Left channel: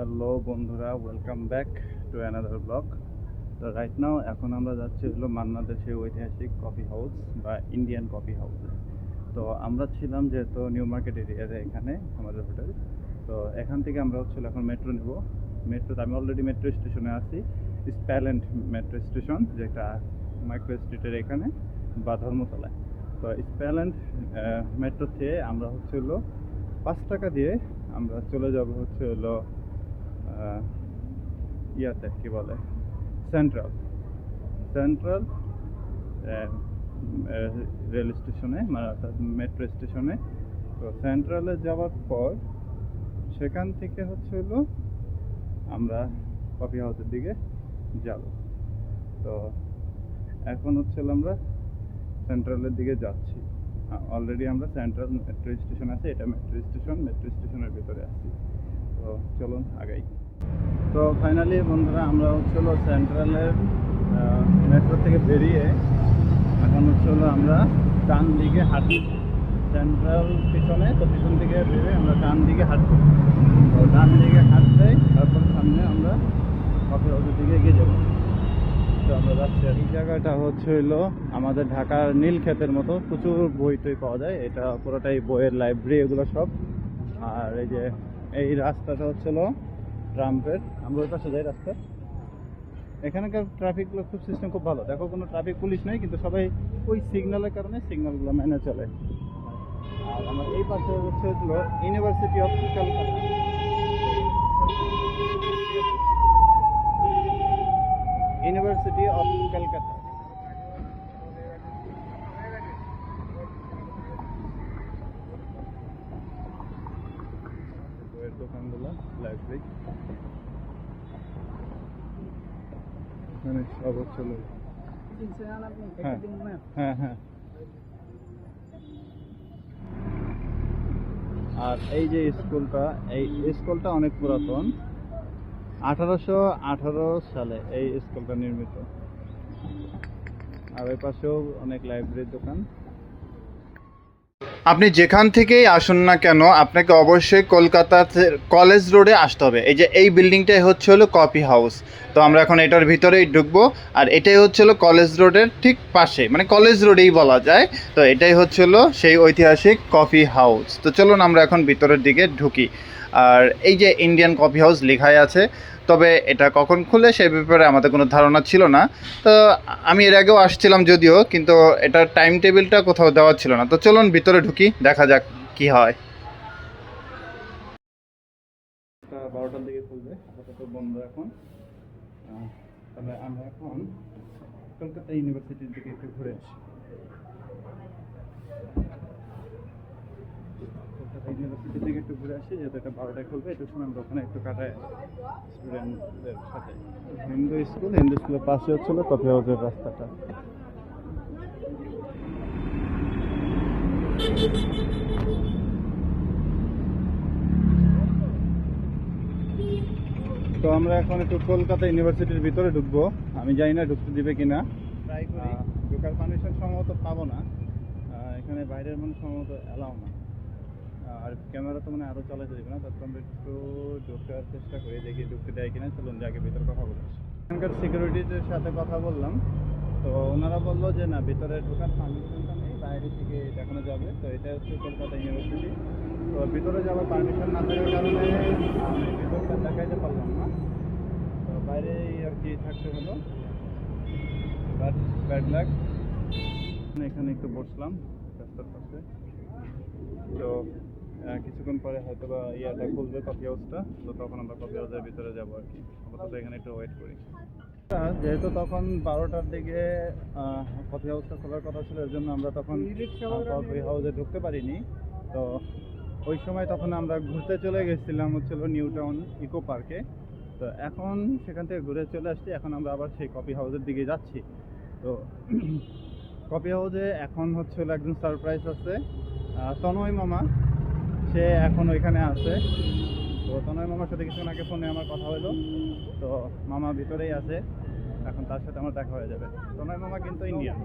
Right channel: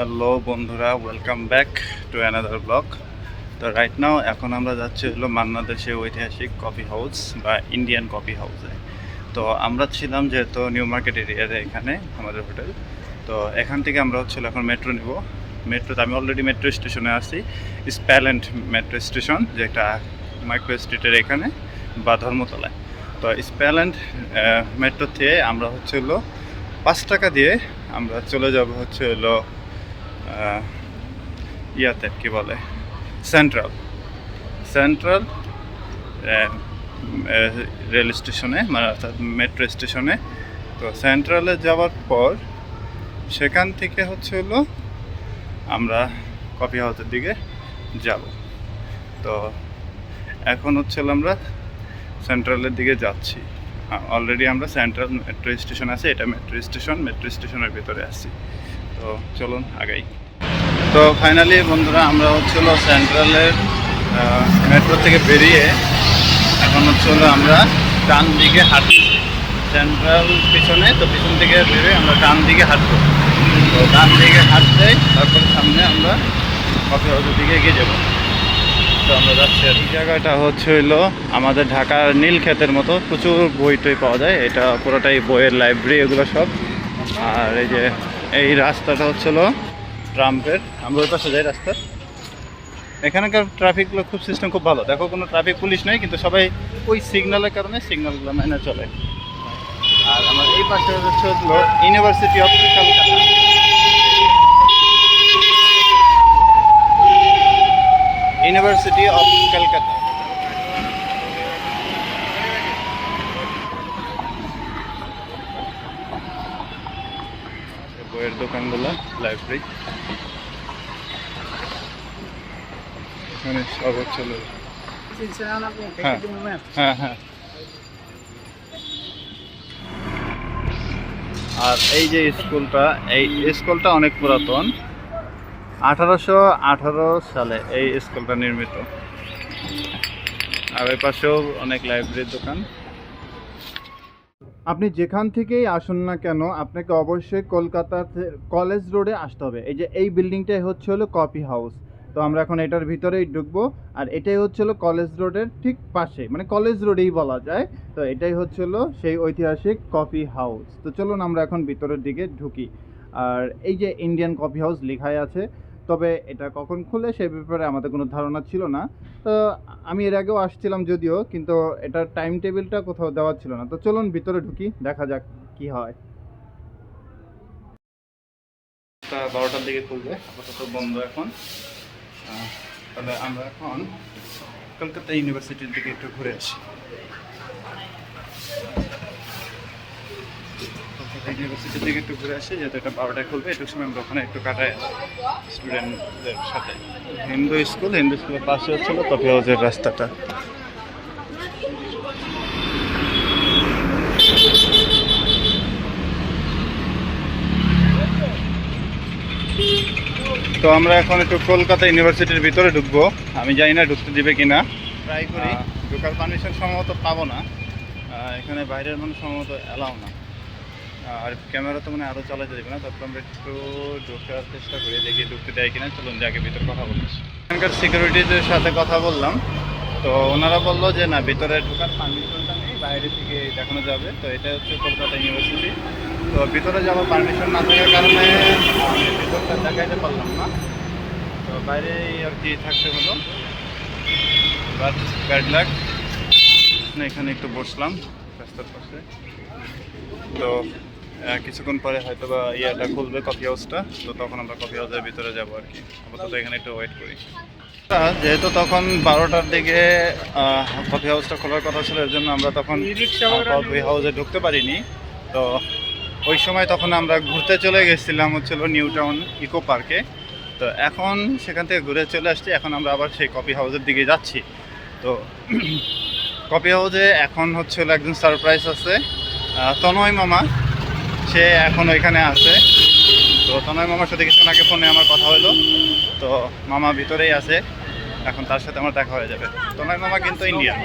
Hello বন্ধুরা, welcome back to another blog. তো right now এখন আমরা যাচ্ছি হলো মান্না দেশের ঐতিহাসিক কফি হাউস বা ইন্ডিয়ান কফি হাউসে। তো আমরা ছিলাম যেহেতু নিউ মার্কেট এরিয়াতে এখানে আমাদের হোটেল। তো এখান থেকে আমরা হচ্ছিল এখন মেট্রো নিব। মেট্রোতে আমি অলরেডি মেট্রো স্টেশনে আছি, স্প্যাল্যান্ড মেট্রো স্টেশন, যেটা মাইক্রো স্ট্রিটের এখানে বা ধর্মতলায়। তো স্প্যাল্যান্ড মেট্রোতে আমরা হচ্ছিল 5 টাকা দিয়ে আমরা চলে যাব হচ্ছে হলো ইয়াতে কী বলে সেন্ট্রাল সেন্ট্রাল রেল স্টেশনে, মানে অর্থাৎ মেট্রো স্টেশনে। তো সেন্ট্রালে যাওয়ার পর সেখান থেকে হচ্ছে হলো আমরা কফি হাউসের দিকে যাব। তো এখন হচ্ছে আমরা সেন্ট্রালের দিকে যাচ্ছি। অলরেডি আমরা সেন্ট্রাল মেট্রো স্টেশন আছে, এটা মেট্রো স্টেশনের ভিতরে আছি। তো চলুন আগাই। তো ফাইনালি বন্ধুরা আমরা হচ্ছিল সেন্ট্রালের মেট্রো থেকে বেরিয়ে এখন হচ্ছিল আমরা ডান দিকে হাঁটছি। সেন্ট্রাল পিছনে, তো পিছন থেকে বেরিয়ে আমরা ডান দিকে হাঁটবো। তো ডান দিকে হাঁটতেই তারপর সামনে আমরা কফি হাউসের দিকে এগিয়ে যাবো। তো আমরা যাচ্ছি। আর এই জায়গাটা হচ্ছে হইলো আমাদের ঢাকার নীলক্ষেতের মতো, প্রচুর বই টই পাওয়া যায়। এটা পুরোটাই বইয়ের লাইব্রেরি, এগুলো সব। আর এই যে এই রাস্তাটা হচ্ছিল ট্রাম্পের, আমরা ওই পাশে যাই রাস্তা। এখানকার ট্রাফিকগুলো খুব সিস্টেম খুব ভালো, দেখো কোনো ট্রাফিক পুলিশ নেই, কিন্তু সবাই ওই সিগন্যালের কারণে সিগন্যালগুলো মেনে চলে। আর আমার এই পাশে হচ্ছে হলো university of Kolkata. University of Kolkata. বইয়ের দোকানগুলো, লাইব্রেরি, এখানে সব হচ্ছে। হ্যাঁ হ্যাঁ হ্যাঁ। আর এই যে স্কুলটা অনেক পুরাতন, 1818 সালে এই স্কুলটা নির্মিত। আর ওই পাশেও অনেক লাইব্রেরির দোকান। আপনি যেখান থেকেই আসুন না কেন, আপনাকে অবশ্যই কলকাতাতে কলেজ রোডে আসতে হবে। এই যে এই বিল্ডিংটাই হচ্ছে হলো কফি হাউস। তো আমরা এখন এটার ভিতরেই ঢুকবো। আর এটাই হচ্ছে হলো কলেজ রোডের ঠিক পাশে, মানে কলেজ রোডেই বলা যায়। তো এটাই হচ্ছে হলো সেই ঐতিহাসিক কফি হাউস। তো চলুন আমরা এখন ভিতরের দিকে ঢুকি। আর এই যে ইন্ডিয়ান কফি হাউস লেখাই আছে, তবে এটা কখন খুলে সে ব্যাপারে আমাদের কোনো ধারণা ছিল না। তো আমি এর আগেও আসছিলাম যদিও, কিন্তু এটার টাইম টেবিলটা কোথাও দেওয়া ছিল না। তো চলুন ভিতরে ঢুকি, দেখা যাক কি হয়। 12টার দিকে খুলবে, আপাতত বন্ধ এখন। তাহলে আমরা এখন কলকাতা ইউনিভার্সিটির দিকে একটু ঘুরে আসি। ইউনিভার্সিটির দিকে একটু ঘুরে আসি, যেহেতু এটা 12টায় খুলবে। একটু সময় আমরা ওখানে একটু কাটাই স্টুডেন্টদের সাথে। হিন্দু স্কুলের পাশে হচ্ছিল কফি হাউসের রাস্তাটা। তো আমরা এখন একটু কলকাতা ইউনিভার্সিটির ভিতরে ঢুকবো। আমি জানি না ঢুকতে দিবে কিনা, ট্রাই করি। ঢোকার পারমিশন সম্ভবত পাবো না, এখানে বাইরের মানুষ সম্ভবত অ্যালাউ না। আর ক্যামেরা তো মানে আরও চালাতে দেবে না। তারপর আমরা একটু ঢোকার চেষ্টা করি, দেখি ঢুকতে দেয় কিনা। চলুন যে আগে ভিতরে কথা বলি। এখানকার সিকিউরিটিদের সাথে কথা বললাম, তো ওনারা বললো যে না, ভিতরে ঢোকার পারমিশনটা নেই, বাইরে থেকে দেখানো যাবে। তো এটা হচ্ছে কলকাতা ইউনিভার্সিটি। তো ভিতরে যাওয়ার পারমিশন না থাকার কারণে আমি ভিতরটা দেখাইতে পারলাম না। তো বাইরেই আর কি থাকতে হলো। বাট ব্যাড লাক, এখানে একটু বসলাম রাস্তার পাশে। তো কিছুক্ষণ পরে হয়তো বা ইয়াটা খুলবে, কফি হাউসটা। তো তখন আমরা কফি হাউসের ভিতরে যাবো আর কি। আপাতত এখানে একটু ওয়েট করি। যেহেতু তখন 12টার দিকে কফি হাউসটা খোলার কথা ছিল, এর জন্য আমরা তখন কফি হাউসে ঢুকতে পারিনি। তো ওই সময় তখন আমরা ঘুরতে চলে গেছিলাম হচ্ছিল নিউ টাউন ইকো পার্কে। তো এখন সেখান থেকে ঘুরে চলে আসছি, এখন আমরা আবার সেই কফি হাউসের দিকে যাচ্ছি। তো কফি হাউসে এখন হচ্ছে একজন সারপ্রাইজ আছে, তনয় মামা, সে এখন ওইখানে আছে। তো তনয় মামার সাথে কিছুক্ষণ আগে ফোনে আমার কথা হলো। তো মামা ভিতরেই আছে, এখন তার সাথে আমার দেখা হয়ে যাবে। তনয় মামা কিন্তু ইন্ডিয়ান,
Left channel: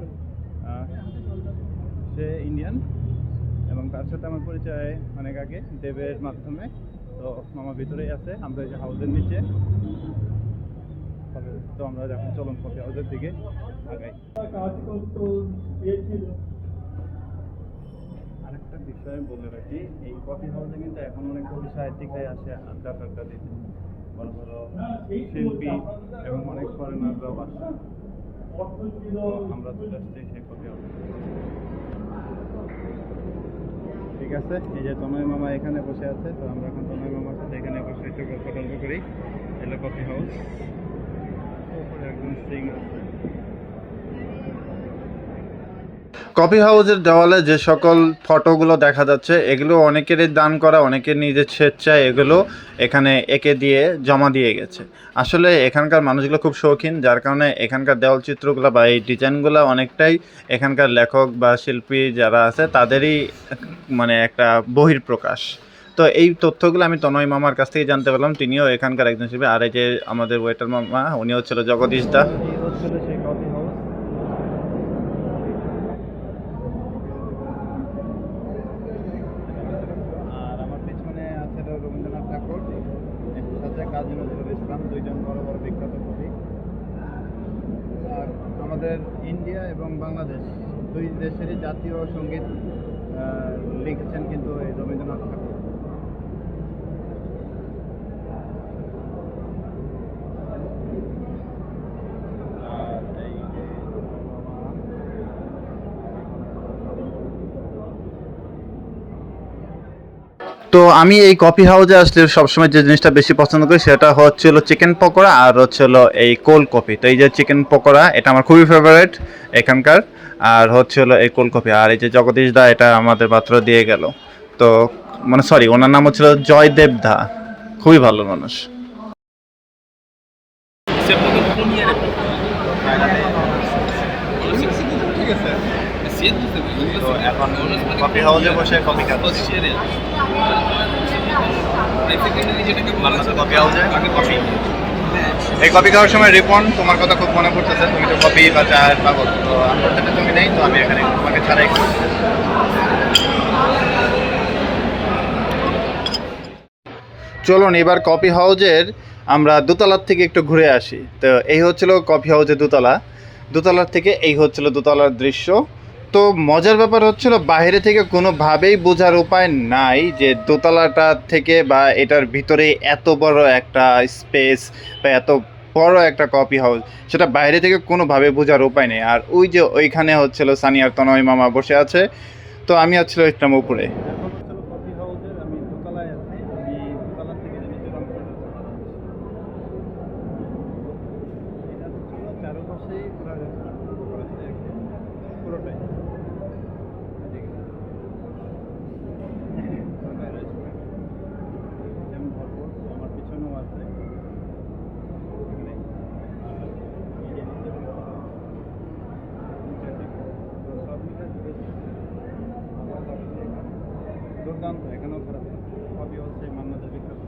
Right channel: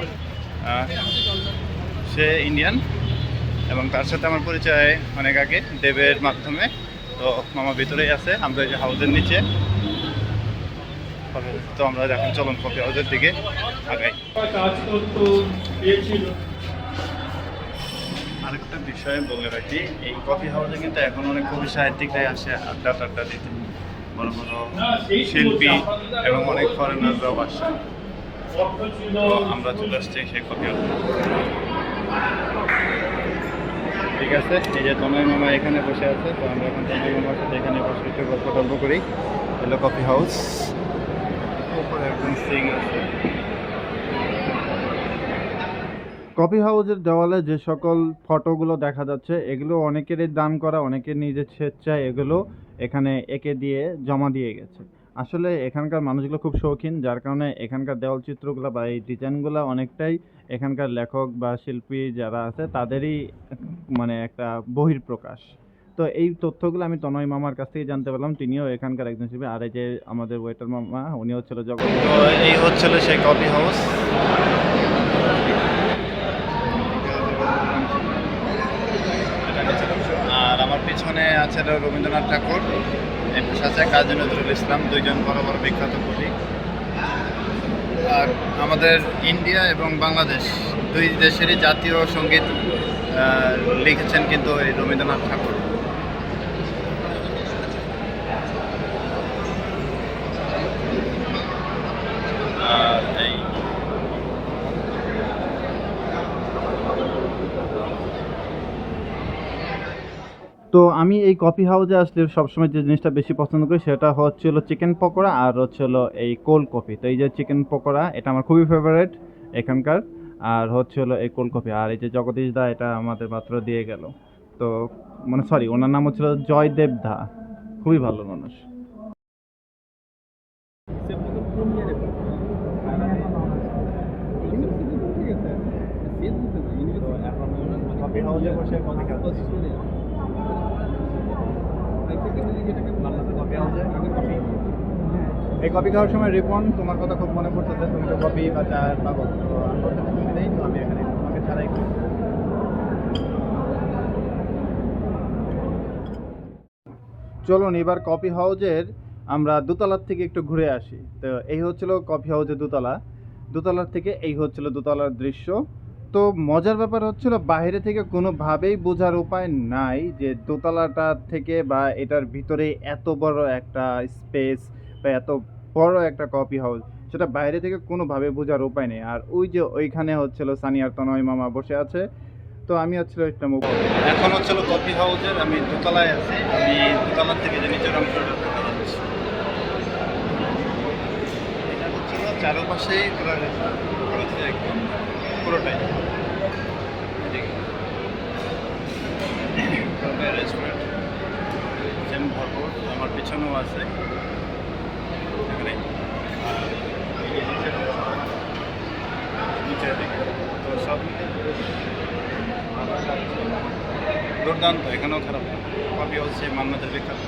সে ইন্ডিয়ান, এবং তার সাথে আমার পরিচয় অনেক আগে দেবের মাধ্যমে। তো মামা ভিতরেই আছে, আমরা এই যে হাউসের নিচে। তো আমরা এখন চলুন কফি হাউসের দিকে আগাই। আরেকটা বিষয় বলে রাখি, এই কফি হাউসে কিন্তু এখন অনেক কবি সাহিত্যিকরাই আসে আড্ডা টাড্ডা দিতে, বড় বড় শিল্পী এবং অনেক ফরেনাররাও আসে। তো আমরা চলে আসছি সেই কফি হাউসে। ঠিক আছে, এই যে তনয় মামা এখানে বসে আছে, তো আমরা এখন তনয় মামার সাথে এখানে বসে একটু গল্প টল্প করি। এলো কফি হাউস, উপরে একজন সিং আছে। কফি হাউসের দেওয়ালে যে সকল ফটোগুলো দেখা যাচ্ছে, এগুলো অনেকেরই দান করা, অনেকের নিজের স্বেচ্ছায় এগুলো এখানে এঁকে দিয়ে জমা দিয়ে গেছে। আসলে এখানকার মানুষগুলো খুব শৌখিন, যার কারণে এখানকার দেওয়াল চিত্রগুলো বা এই ডিজাইনগুলো অনেকটাই এখানকার লেখক বা শিল্পী যারা আছে তাদেরই মানে একটা বহিঃপ্রকাশ। তো এই তথ্যগুলো আমি তনয় মামার কাছ থেকে জানতে পারলাম, তিনিও এখানকার একজন শিল্পী। আর এই যে আমাদের ওয়েটার মামা, উনি হচ্ছিল জগদীশ দা। এই হচ্ছিল সেই কফি হাউস। আর আমার পিছনে আছে রবীন্দ্রনাথ ঠাকুর, আছে কাজী নজরুল ইসলাম, দুইজন বড় বড় বিখ্যাত কবি। আর আমাদের ইন্ডিয়া এবং বাংলাদেশ দুই দেশেরই জাতীয় সঙ্গীত লিখেছেন কিন্তু এই রবীন্দ্রনাথ ঠাকুর। আর এই তো আমি এই কফি হাউসে আসলে সবসময় যে জিনিসটা বেশি পছন্দ করি সেটা হচ্ছিল চিকেন পকোড়া আর হচ্ছিল এই কোল্ড কফি। তো এই যে চিকেন পকোড়া, এটা আমার খুবই ফেভারিট এখানকার। আর হচ্ছিল এই কোল্ড কফি। আর এই যে জগদীশ দা, এটা আমাদের মাত্র দিয়ে গেল। তো মানে সরি, ওনার নাম হচ্ছিল জয়দেব দা, খুবই ভালো মানুষ। তো এখন কফি হাউসে বসে কফি খাচ্ছি। এই কফি খাওয়ার সময় রিপন, তোমার কথা খুব মনে পড়তেছে। তুমি তো কফি বা চায়ের পাগল, তো আমার সাথে তুমি নেই, তো আমি এখানে তোমাকে ছাড়াই করছি। চলুন এবার কফি হাউসের আমরা দোতলার থেকে একটু ঘুরে আসি। তো এই হচ্ছিল কফি হাউসের দোতলা, দোতলার থেকে এই হচ্ছিল দোতলার দৃশ্য। তো মজার ব্যাপার হচ্ছিল, বাইরে থেকে কোনোভাবেই বোঝার উপায় নাই যে দোতলাটা থেকে বা এটার ভিতরে এত বড় একটা স্পেস বা এত বড় একটা কফি হাউস, সেটা বাইরে থেকে কোনোভাবে বোঝার উপায় নেই। আর ওই যে ওইখানে হচ্ছিল সানিয়ার তনয় মামা বসে আছে, তো আমি হচ্ছিল একদম উপরে। এখন হচ্ছিল কফি হাউসের আমি দোতলায় আছি। আমি দোতলার থেকে যে নিচের অংশটা দেখা যাচ্ছে, এটা হচ্ছিল চারপাশেই ঘোরা করেছে একদম পুরোটাই। রেস্টুরেন্ট সেম ভরপুর, আমার পিছনেও আছে এখানে। আর নিচের দিকে তো সব মিলে দুর্দান্ত, এখানেও খারাপ না। কফি হচ্ছে মান্নাতের বিখ্যাত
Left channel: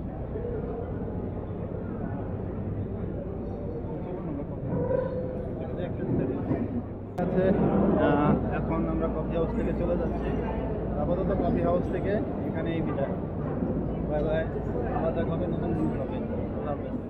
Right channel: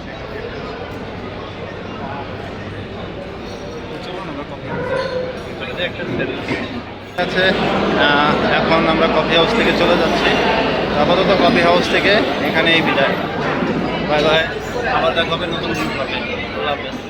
চলুন আমরা কফি আছে। এখন আমরা কফি হাউস থেকে চলে যাচ্ছি। আপাতত কফি হাউস থেকে এখানেই বিদায়। বাই বাই, আবার দেখা হবে নতুন। আল্লাহ হাফেজ।